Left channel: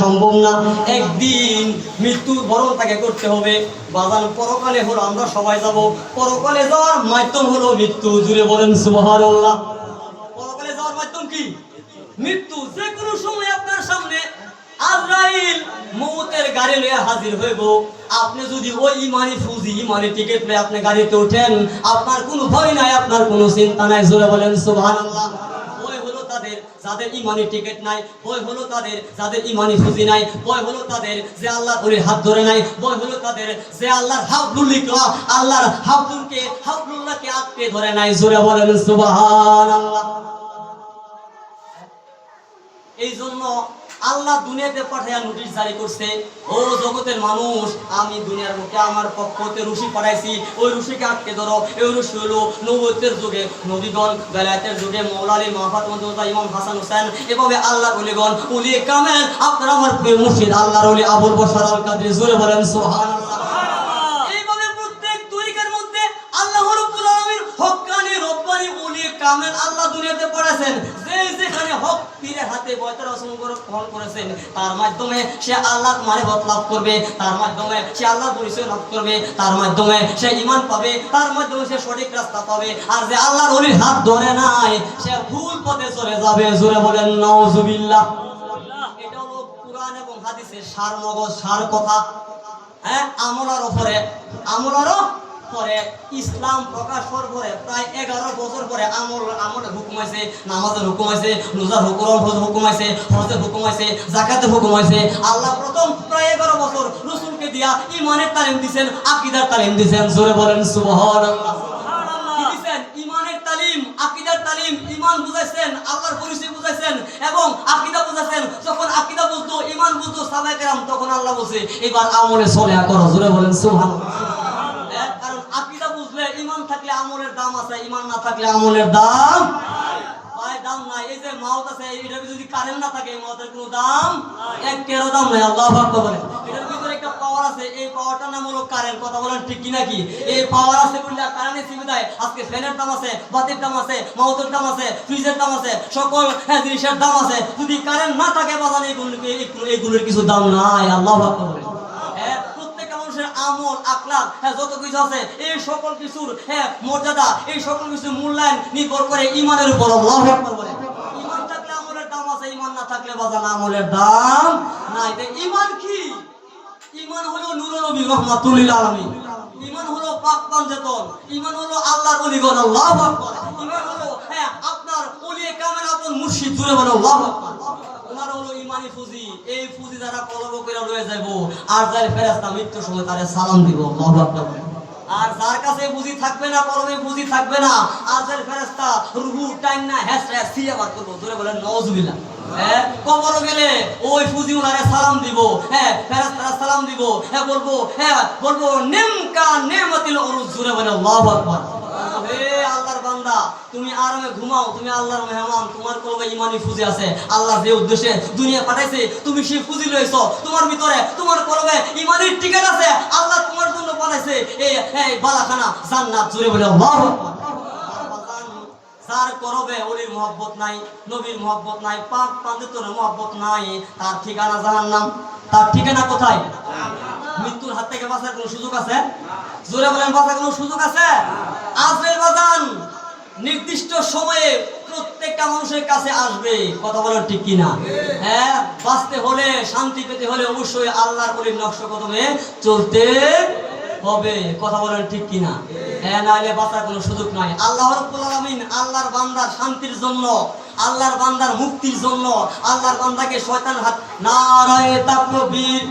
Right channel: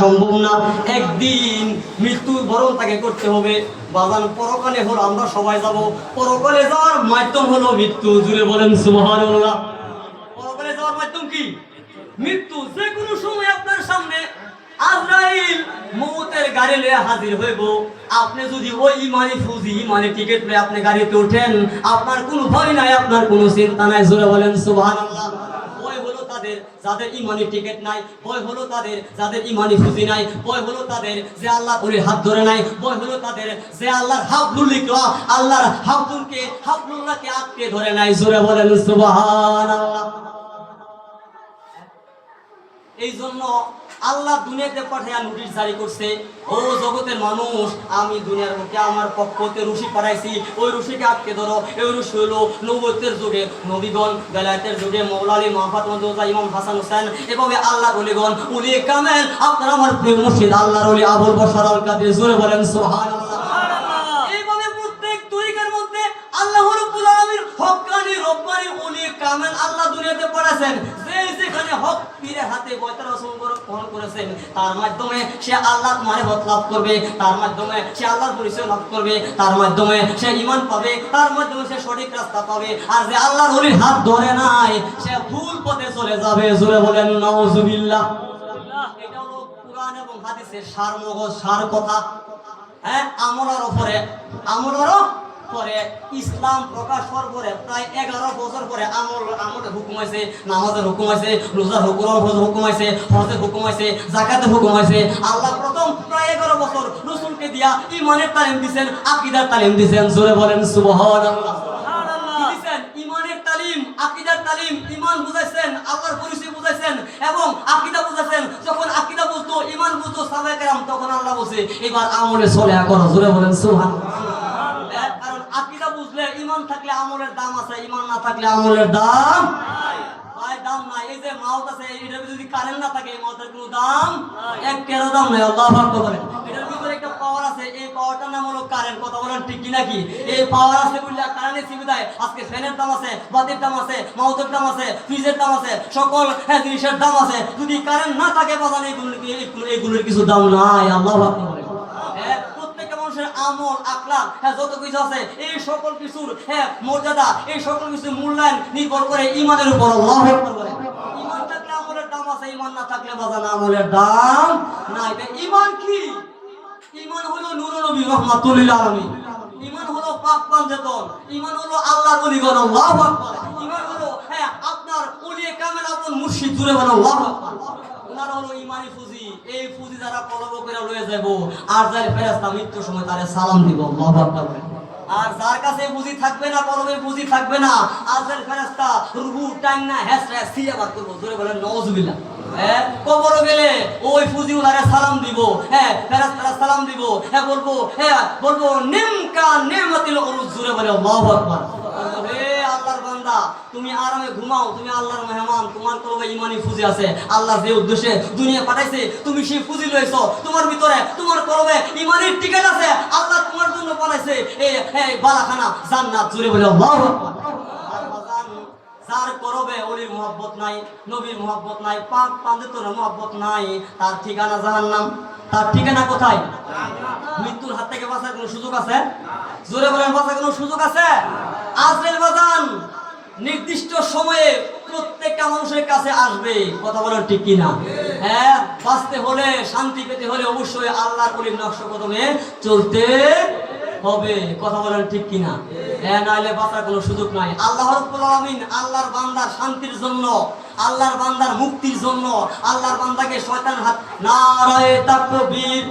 সম্ভব না, একদিন মৃত্যু বরণ তাকে করতে হবে। বাজান পরকালে হলো আমরা সবাই যাব, পরকালে যাওয়ার মাধ্যম হলো মৃত্যু। জুড়ে বলেন সুবহানাল্লাহ। পরকালে যাওয়ার মাধ্যম কি? মৃত্যু। যে কোনো সময় আপনার সামনে আজরাইল মৌতের গাড়ি লয়ে হাজির হইব। আপনি যদি ওই ইমানি ফুজি ইমানি টিকিট লয়ে আপনি গাড়িতে ওঠেন, আপনার কোনো ভয় নাই, আপনার কোনো চিন্তা নাই। জোরে বলেন সুবহানাল্লাহ। ভয় হলো তাদের যাদের ইমানি টিকিট নাই, ভয় হলো তাদের যাদের ইমানি ফুজি নাই, ভয় হলো তাদের যে আল্লাহর ওলির হাত ধরে নাই, ভয় হলো তাদের যে আল্লাহর হাবলুল্লাহকে আটকে ধরে নাই। জোরে বলেন সুবহানাল্লাহ। এই জন্য আল্লাহ দুনিয়াতে পাঠাইয়া নোটিশ জারি করছে, ও জগতের মানুষ, আমি দুনিয়ার বুকে আমার পক্ষ হতে রশি পাঠাইছি, ওই রশিকে আটকে ধরো। এই রশি হলো নবুয়তের যুগে নবীগণ, বেলায়েতের যুগে মওলা আলী, মা ফাতেমা, ইমাম হাসান হোসেন, এভাবে আল্লাহর ওলিগণ, উলিয়ে কামেল, আপনারা আমার প্রিয় মুর্শিদ আল্লাহর ওলি আবুল বশর আল কাদের। জোরে বলেন সুবহানাল্লাহ। এইভাবে প্রত্যেক তরিকার মধ্যে আল্লাহ রাব্বুল আলামিন হক্কানি রব্বানি উলিয়ে কামেল আল্লাহ দুনিয়াতে পাঠাইছেন। যেখানে হক পীরের হাতে বয়তার গ্রহণ করেছেন, তার মাধ্যমে সে আল্লাহর মারিফত লাভ করবে, তার মাধ্যমে সে আল্লাহর পরিচয় লাভ করবে, তার মাধ্যমে সে ঈমান পাবে, তার মাধ্যমে সে সঠিক রাস্তা পাবে। আর যে আল্লাহর ওলির হাত ধরে নাই, সে ভুল পথে চলে যাবে। জোরে বলেন নাউজুবিল্লাহ। এটা হলো কুরআন এবং হাদিসের সার কথা। হ্যাঁ, আমলের পরে ইসলাম প্রকাশ হওয়ার পরে প্রায় 11 বছর পরে আমলের হুকুম আছে, নামাজের হুকুম আছে, রোজার হুকুম আছে, হজের হুকুম আছে, যাকাতের হুকুম আছে। আল্লাহ প্রথম প্রায় 11 বছর রাসূলকে দিয়া ঈমানের তালিম দিবেন, আকীদার তালিম দিবেন। জোরে বলেন সুবহানাল্লাহ। কি দিবেন? ঈমানের তালিম, আকীদার তালিম। ঈমান বুঝাইছেন, আল্লাহর পরিচয় বুঝাইছেন এবং আকীদা বুঝাইছেন। যখন আকীদা বুঝতো, ঈমান বুঝতো সাহাবায়ে কেরাম, তখন আল্লাহ বলছে এবার আমলে চলে করো। জোরে বলেন সুবহানাল্লাহ। কারণ আকীদা বুঝলে, ঈমান থাকলে আমলের দাম আছে, ঈমান না থাকলে আমলের দাম নাই। এই যে মাউত আছে, এটার যদি কারেন্ট না থাকে, এই মাউতের কোনো দাম এক টেরো দাম নাই। আল্লাহু আকবার বলেন। এটার ভিতরে একটা পাওয়ার আছে, এই পাওয়ারটার নাম হলো কারেন্ট। কথা বলেন ঠিক কি নাকি? এই পাওয়ার আছে বলে কারেন্টের সুবিধায় আজকে ফ্যানের দাম আছে, বাতির দাম আছে, মাউতের দাম আছে, ফ্রিজের দাম আছে, সকল জিনিসের দাম আছে। যদি কারেন্ট না থাকে বাজান, এগুলোর কিছু দাম নাই। আল্লাহু আকবার বলেন। আমল, আখলাক, যত কিছু আছে, এই সকল কিছুর মর্যাদা, এই সকল কিছুর মূল্যায়ন নির্ভর করে ঈমানের উপর। আল্লাহু আকবার বলেন। ঈমান থাকলে আমলের দাম আছে, ঈমান না থাকলে বাজান আমলের দাম নাই। ঈমান কি? ঈমান হলো নূরুন নবী রাহমাতুল লিল আলামিন। ঈমান হলো পাক পাঞ্জাতন। ঈমান হলো আল্লাহর ওলিগণ। আল্লাহু আকবার। ঈমান হলো আপনার ওলিয়ে কামেল আপন মুর্শিদ। জুড়ে বলো আল্লাহু আকবার। ওনার হলো ইমানি ফুজি। এই ফুজি যারা কলব করে লয়ে যাইব, আর যার ফেরেশতা মৃত্যুর সময় তারে সালাম দিব। আল্লাহু আকবার। আর যার কাছে ফুজি থাকবে না, কলবে ফুজি থাকবে না, আর যার ফেরেশতা রূহু টাইম না হেসরা সিয়া বার করব। জোরে বলেন নাউজুবিল্লাহ। কবর গেলে ওই ফুজি ওনারে সালাম দিব, ফেরেশতারা সালাম দিব, বলবো নিমকা নেমাতিল উরুজ। জোরে বলেন আল্লাহু আকবার। হে আল্লাহর বান্দা, তুমি আরামে ঘুমাও, তুমি আল্লাহর মেহমান, তোমার কলবে ইমানি ফুজি আছে। আল্লাহ যে উদ্দেশ্যে দুনিয়া পাঠাইছে, তুমি সেই ফুজি লইছো, তোমার ভিতরে তোমার কলবে ইমানের টিকেট আছে। আল্লাহ তোমার জন্য পাঠাইছে এই বালাখানা জান্নাত। জুড়ে বলে আল্লাহু আকবার। যার করবে ওলির মহব্বত নাই, নবীর মহব্বত নাই, পাক পাঞ্জাতনের মহব্বত নাই, তার ঠিকানা জাহান্নাম। তার ঠিকানা কোথায়? মৃত্যুর হাত থেকে বাঁচার কোনো সুযোগ আছে? জোরে বলেন, বাঁচার কোনো সুযোগ আছে? আজরাইল বাজান নির্দিষ্ট সময়ে প্রত্যেকটা মানুষের কাছে আসবে। কথা বলেন ঠিক কিনা? বাঁচতে হলে, শান্তি পেতে হলে অবশ্যই আল্লাহর ওলির নকশ কদমে চলতে হবে। কথা বলেন ঠিক কিনা? নাইলে বাঁচার কোনো সুযোগ নাই। আল্লাহ রাব্বুল আলামিন আল্লাহর বান্দার শান্তির জন্য, আল্লাহর বান্দার মুক্তির জন্য, আল্লাহর বান্দাকে শয়তানের হাত নারায়ে তাকবীর।